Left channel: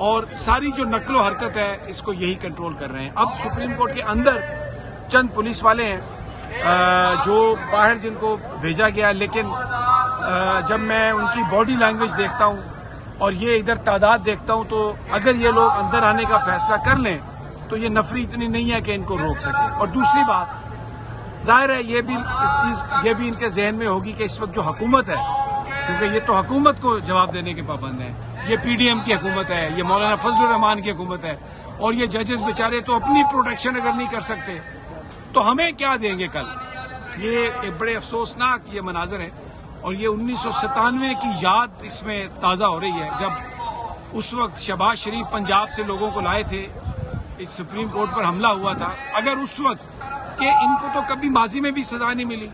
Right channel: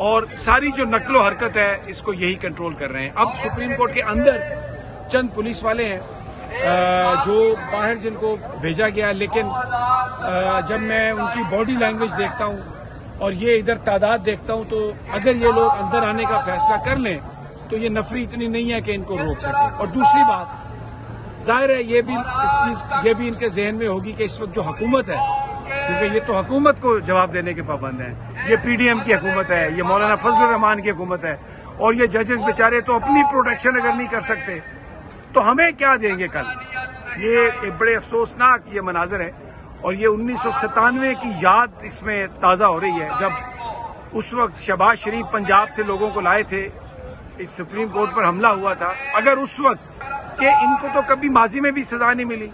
اور ساری جو نقل و حرکت ہے اس کو یہی کنٹرول کر رہے ہیں. اب سپریم کورٹ کے اندر چند پولیس والے ہیں جو باہر جن کو بھیجا گیا، لیکن جب میں ان کی باڈی لینگویج دیکھتا ہوں اور یہ ادھر تعداد دیکھتا ہوں تو اگر یہ لوگ اندر آنے کا فیصلہ کر لیں تو یہ نفری اتنی نہیں ہے کہ ان کو روک سکے. اور دوسری بات ظاہر ہے یہ بھی ان کے ذہن میں ہوگی کہ اس وقت جو حکومت ہے، کیونکہ یہ تو حکومت کو جواب دینے کے پابند ہیں، یہ پی ڈی ایم کی حکومت ہے، یہ مولانا فضل الرحمان کی حکومت ہے، اور یہ ججز بیچارے تو اپنی پروٹیکشن اگر نہیں کر سکتے تو ہمیں کیا دیں گے کل. یہ ایک بڑے افسوسناک یہ مناظر ہے، اور یہ 1997 کی یاد اس میں تازہ ہو رہی ہے جب اس وقت شہباز شریف پنجاب سے لوگوں کو لائے تھے، اس سپریم کورٹ پر حملہ ہوا تھا. اگر اس وقت کہ ان کو تو کبھی ماضی میں بھی سزا نہیں ملی،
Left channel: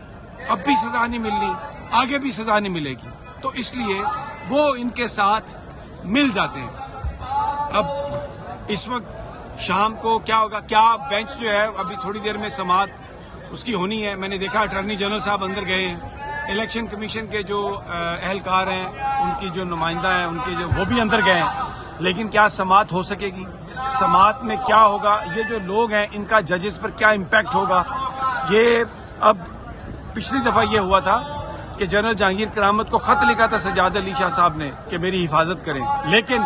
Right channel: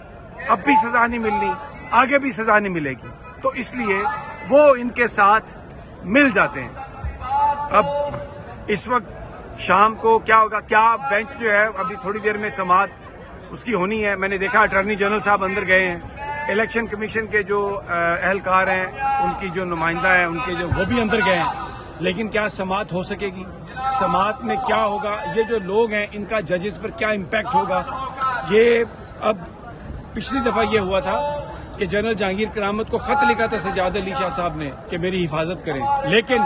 اب بھی سزا نہیں ملنی، آگے بھی سزا نہیں ملے گی، تو اس لیے وہ ان کے ساتھ مل جاتے ہیں. اب اس وقت شام کو کیا ہوگا، کیا بینچ جو ہے ابھی تھوڑی دیر میں سماعت اس کی ہونی ہے. میں نے دیکھا اٹارنی جنرل صاحب اندر گئے ہیں، الیکشن کمیشن کے جو اہلکار ہیں ان کی جو نمائندہ ہیں ان کے وہ بھی اندر گئے ہیں، لیکن کیا سماعت ہو سکے گی؟ سماعت میں کیا ہوگا؟ یہ جو لوگ ہیں ان کا ججز پر کیا امپیکٹ ہوگا؟ یہ اب پچھلی دفعہ یہ ہوا تھا کہ جنرل جہانگیر کرامت کو خط لکھا تھا سجاد علی شاہ صاحب نے کہ میری حفاظت کریں، لیکن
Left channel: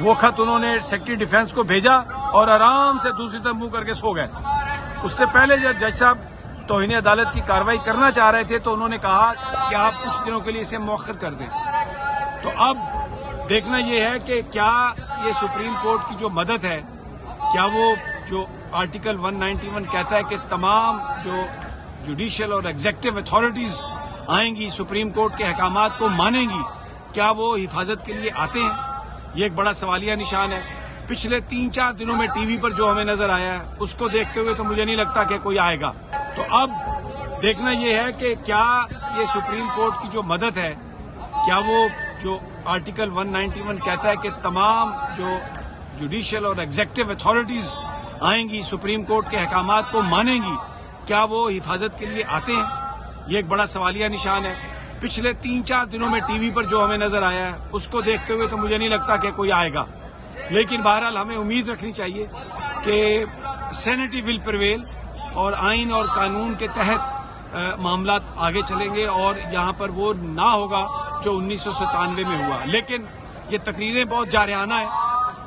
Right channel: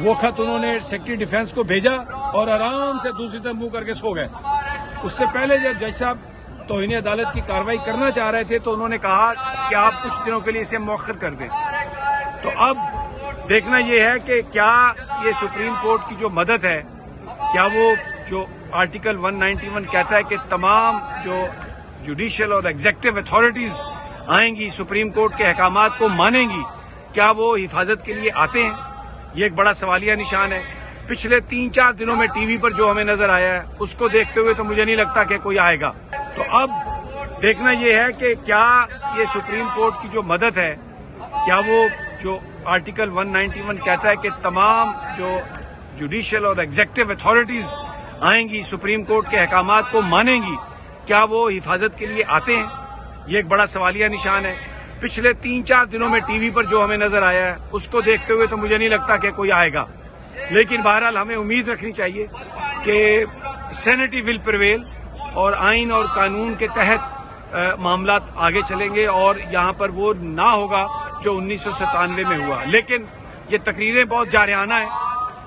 وہ خط انہوں نے سیکرٹری ڈیفنس کو بھیجا اور آرام سے دوسری طرف منہ کر کے سو گئے. اس سے پہلے جب جج صاحب توہین عدالت کی کارروائی کرنا چاہ رہے تھے تو انہوں نے کہا کہ آپ کچھ دنوں کے لیے اسے مؤخر کر دیں. تو اب دیکھنا یہ ہے کہ کیا یہ سپریم کورٹ کی جو مدد ہے، کیا وہ جو آرٹیکل 191 کہتا ہے کہ تمام جو جوڈیشل اور ایگزیکٹو اتھارٹیز آئیں گی سپریم کورٹ کے احکامات کو مانیں گی، کیا وہ حفاظت کے لیے آتے ہیں؟ یہ ایک بڑا سوالیہ نشان ہے. پچھلے 3-4 دنوں میں ٹی وی پر جو ہمیں نظر آیا ہے اس کو دیکھتے ہوئے تو مجھے نہیں لگتا کہ کوئی آئے گا. تو اب دیکھنا یہ ہے کہ کیا یہ سپریم کورٹ کی جو مدد ہے، کیا وہ جو آرٹیکل 191 کہتا ہے کہ تمام جو جوڈیشل اور ایگزیکٹو اتھارٹیز آئیں گی سپریم کورٹ کے احکامات کو مانیں گی، کیا وہ حفاظت کے لیے آتے ہیں؟ یہ ایک بڑا سوالیہ نشان ہے. پچھلے 3-4 دنوں میں ٹی وی پر جو ہمیں نظر آیا ہے اس کو دیکھتے ہوئے تو مجھے نہیں لگتا کہ کوئی آئے گا. لیکن بہرحال ہمیں امید رکھنی چاہیے کہ سینیٹی ول پریویل اور آئین اور قانون کے تحت معاملات آگے چلیں گے، اور یہاں پر وہ نہ ہوگا جو 1997 میں ہوا. لیکن یہ تقریریں بہت جارحانہ ہیں.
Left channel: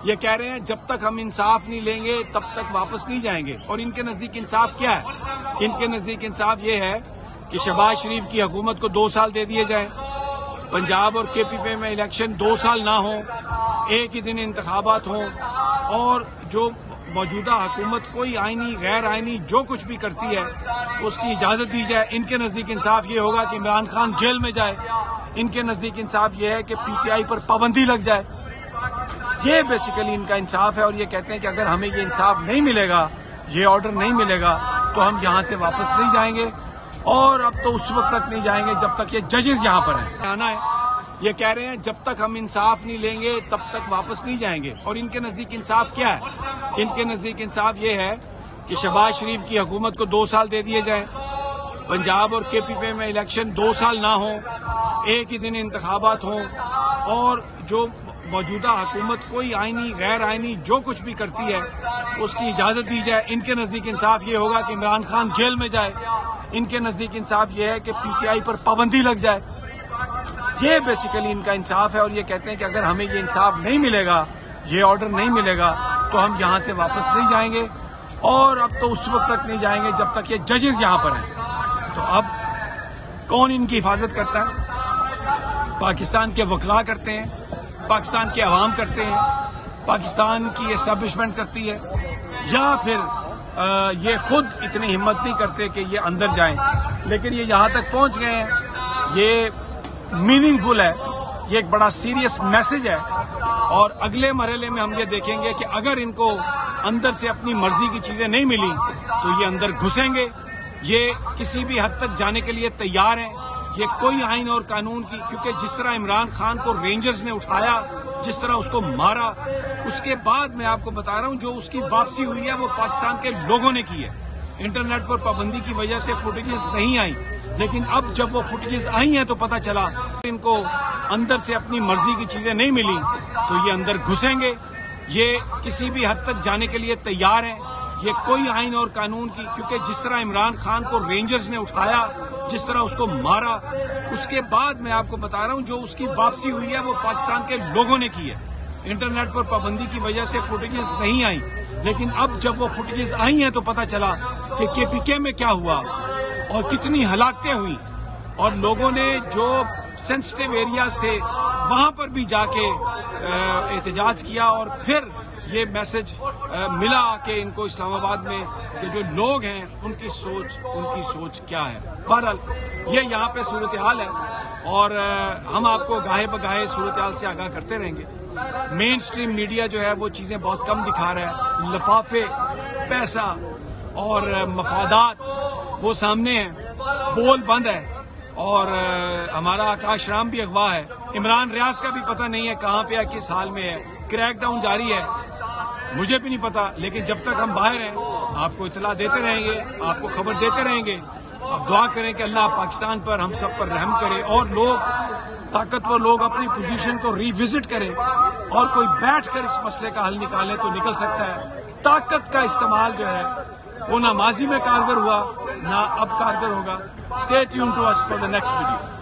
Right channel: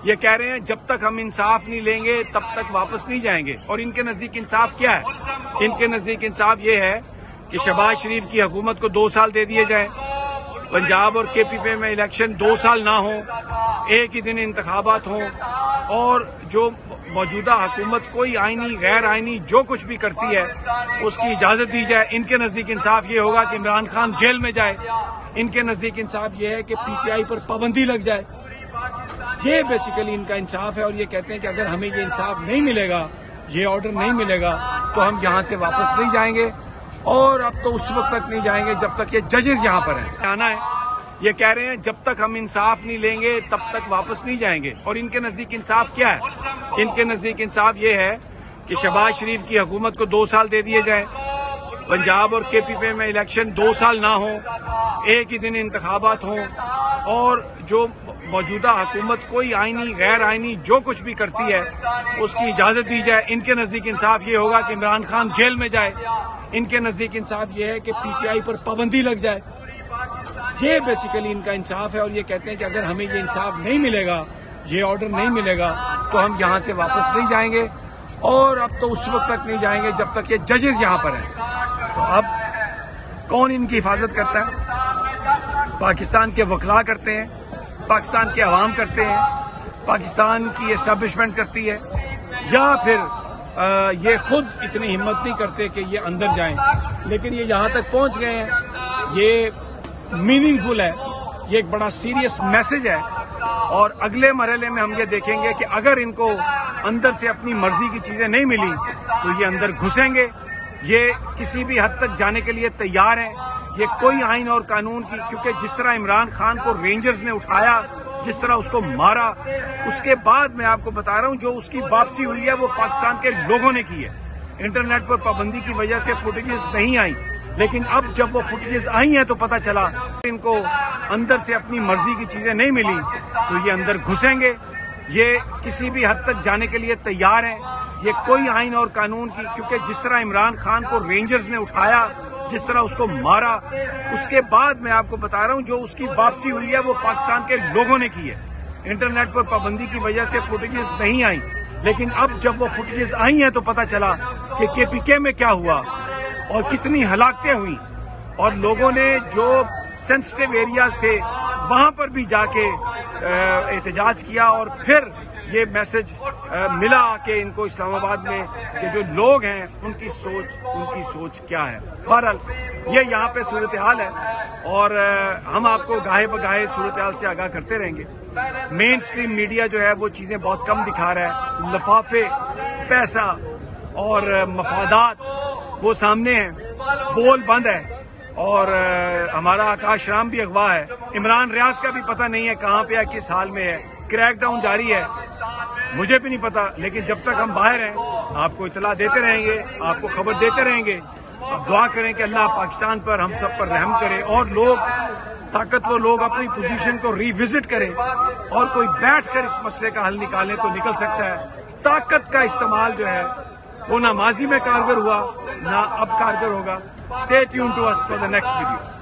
یہ کہہ رہے ہیں جب تک ہم انصاف نہیں لیں گے تب تک واپس نہیں جائیں گے. اور ان کے نزدیک انصاف کیا ہے؟ ان کے نزدیک انصاف یہ ہے کہ شہباز شریف کی حکومت کو 2 سال دے دیے جائیں، پنجاب اور کے پی پی میں الیکشن 2 سال نہ ہوں، ایک ہی دن انتخابات ہوں، اور جو موجودہ حکومت کوئی آئینی غیر آئینی جو کچھ بھی کرتی ہے اس کی اجازت دی جائے. ان کے نزدیک انصاف یہ ہوگا کہ عمران خان جیل میں جائے. ان کے نزدیک انصاف یہ ہے کہ پی ٹی آئی پر پابندی لگ جائے. یہ بیسیکلی ان کا انصاف ہے، اور یہ کہتے ہیں کہ اگر ہمیں یہ انصاف نہیں ملے گا، یہ آرڈر نہیں ملے گا تو ہم یہاں سے واپس نہیں جائیں گے. اور اب تو اس وقت تک نہیں جائیں گے جب تک یہ ججز یہاں پر ہیں. آنا ہے. یہ کہہ رہے ہیں جب تک ہم انصاف نہیں لیں گے تب تک واپس نہیں جائیں گے. اور ان کے نزدیک انصاف کیا ہے؟ ان کے نزدیک انصاف یہ ہے کہ شہباز شریف کی حکومت کو 2 سال دے دیے جائیں، پنجاب اور کے پی پی میں الیکشن 2 سال نہ ہوں، ایک ہی دن انتخابات ہوں، اور جو موجودہ حکومت کوئی آئینی غیر آئینی جو کچھ بھی کرتی ہے اس کی اجازت دی جائے. ان کے نزدیک انصاف یہ ہوگا کہ عمران خان جیل میں جائے. ان کے نزدیک انصاف یہ ہے کہ پی ٹی آئی پر پابندی لگ جائے. یہ بیسیکلی ان کا انصاف ہے، اور یہ کہتے ہیں کہ اگر ہمیں یہ انصاف نہیں ملے گا، یہ آرڈر نہیں ملے گا تو ہم یہاں سے واپس نہیں جائیں گے. اور اب تو اس وقت تک نہیں جائیں گے جب تک یہ ججز یہاں پر ہیں. تو اب کون ان کی حفاظت کرتا ہے؟ پاکستان کے وکلاء کرتے ہیں، پاکستان کے عوام کرتے ہیں، پاکستان کی اسٹیبلشمنٹ کرتی ہے، یا پھر یہ خود اتنی ہمت نہیں کرتے کہ یہ اندر جائیں. لیکن یہ یہاں تک پہنچ گئے ہیں. یہ میننگ فل ہے، یہ ایک بڑا سیریس میسج ہے. اور اگلے مرحلے میں ہم یہ دیکھیں گے کہ اگر ان کو اندر سے اپنی مرضی کی چیزیں نہیں ملی تو یہ اندر گھسیں گے. یہ کسی بھی حد تک جانے کے لیے تیار ہیں. یہ کوئی آئین اور قانون کی، کیونکہ جس طرح عمران خان کو رینجرز نے اٹھایا، جس طرح اس کو مارا، اس کے بعد میں آپ کو بتا رہا ہوں جو اس کی واپسی ہوئی ہے وہ پاکستان کے لوگوں نے کی ہے. انٹرنیٹ پر پابندی کی وجہ سے فوٹیجز نہیں آئی، لیکن اب جب وہ فوٹیجز آئی ہیں تو پتہ چلا ان کو اندر سے اپنی مرضی کی چیزیں نہیں ملی تو یہ اندر گھسیں گے، یہ کسی بھی حد تک جانے کے لیے تیار ہیں. یہ کوئی آئین اور قانون کی، کیونکہ جس طرح عمران خان کو رینجرز نے اٹھایا، جس طرح اس کو مارا، اس کے بعد میں آپ کو بتا رہا ہوں جو اس کی واپسی ہوئی ہے وہ پاکستان کے لوگوں نے کی ہے. انٹرنیٹ پر پابندی کی وجہ سے فوٹیجز نہیں آئیں، لیکن اب جب وہ فوٹیجز آئی ہیں تو پتہ چلا کہ KPK میں کیا ہوا اور کتنی ہلاکتیں ہوئیں، اور لوگوں نے جو سینسٹیو ایریاز تھے وہاں پر بھی جا کے احتجاج کیا، اور پھر یہ میسج ملا کہ ان کو اسلام آباد میں کہ جو لوگ ہیں ان کی سوچ کیا ہے. بہرحال یہ یہاں پہ صورتحال ہے، اور ہم آپ کو گاہے بگاہے صورتحال سے آگاہ کرتے رہیں گے. مین سٹریم میڈیا جو ہے وہ چیزیں بہت کم دکھا رہا ہے، لفافے، پیسہ اور مفادات وہ سامنے ہیں، بول بند ہے. اور ہمارا آکاش رام بھی اغوا ہے، عمران ریاض کا بھی پتہ نہیں ہے کہاں پہ ہے، کس حال میں ہے. کریک ڈاؤن جاری ہے، مجھے بھی نہیں پتا، لیکن جب تک ہم باہر ہیں آپ کو اطلاع دیتے رہیں گے، آپ کو خبر دیتے رہیں گے. اب دعا کریں کہ اللہ پاکستان پر، ہم سب پر رحم کرے، اور طاقتور لوگ اپنی پوزیشن کو ری وزٹ کریں، اور کوئی بیٹھ کر اس مسئلے کا حل نکالیں تو نکل سکتا ہے. طاقت کا استعمال جو ہے وہ نہ ماضی میں کارگر ہوا، نہ اب کارگر ہوگا. Stay tuned to us for the next video.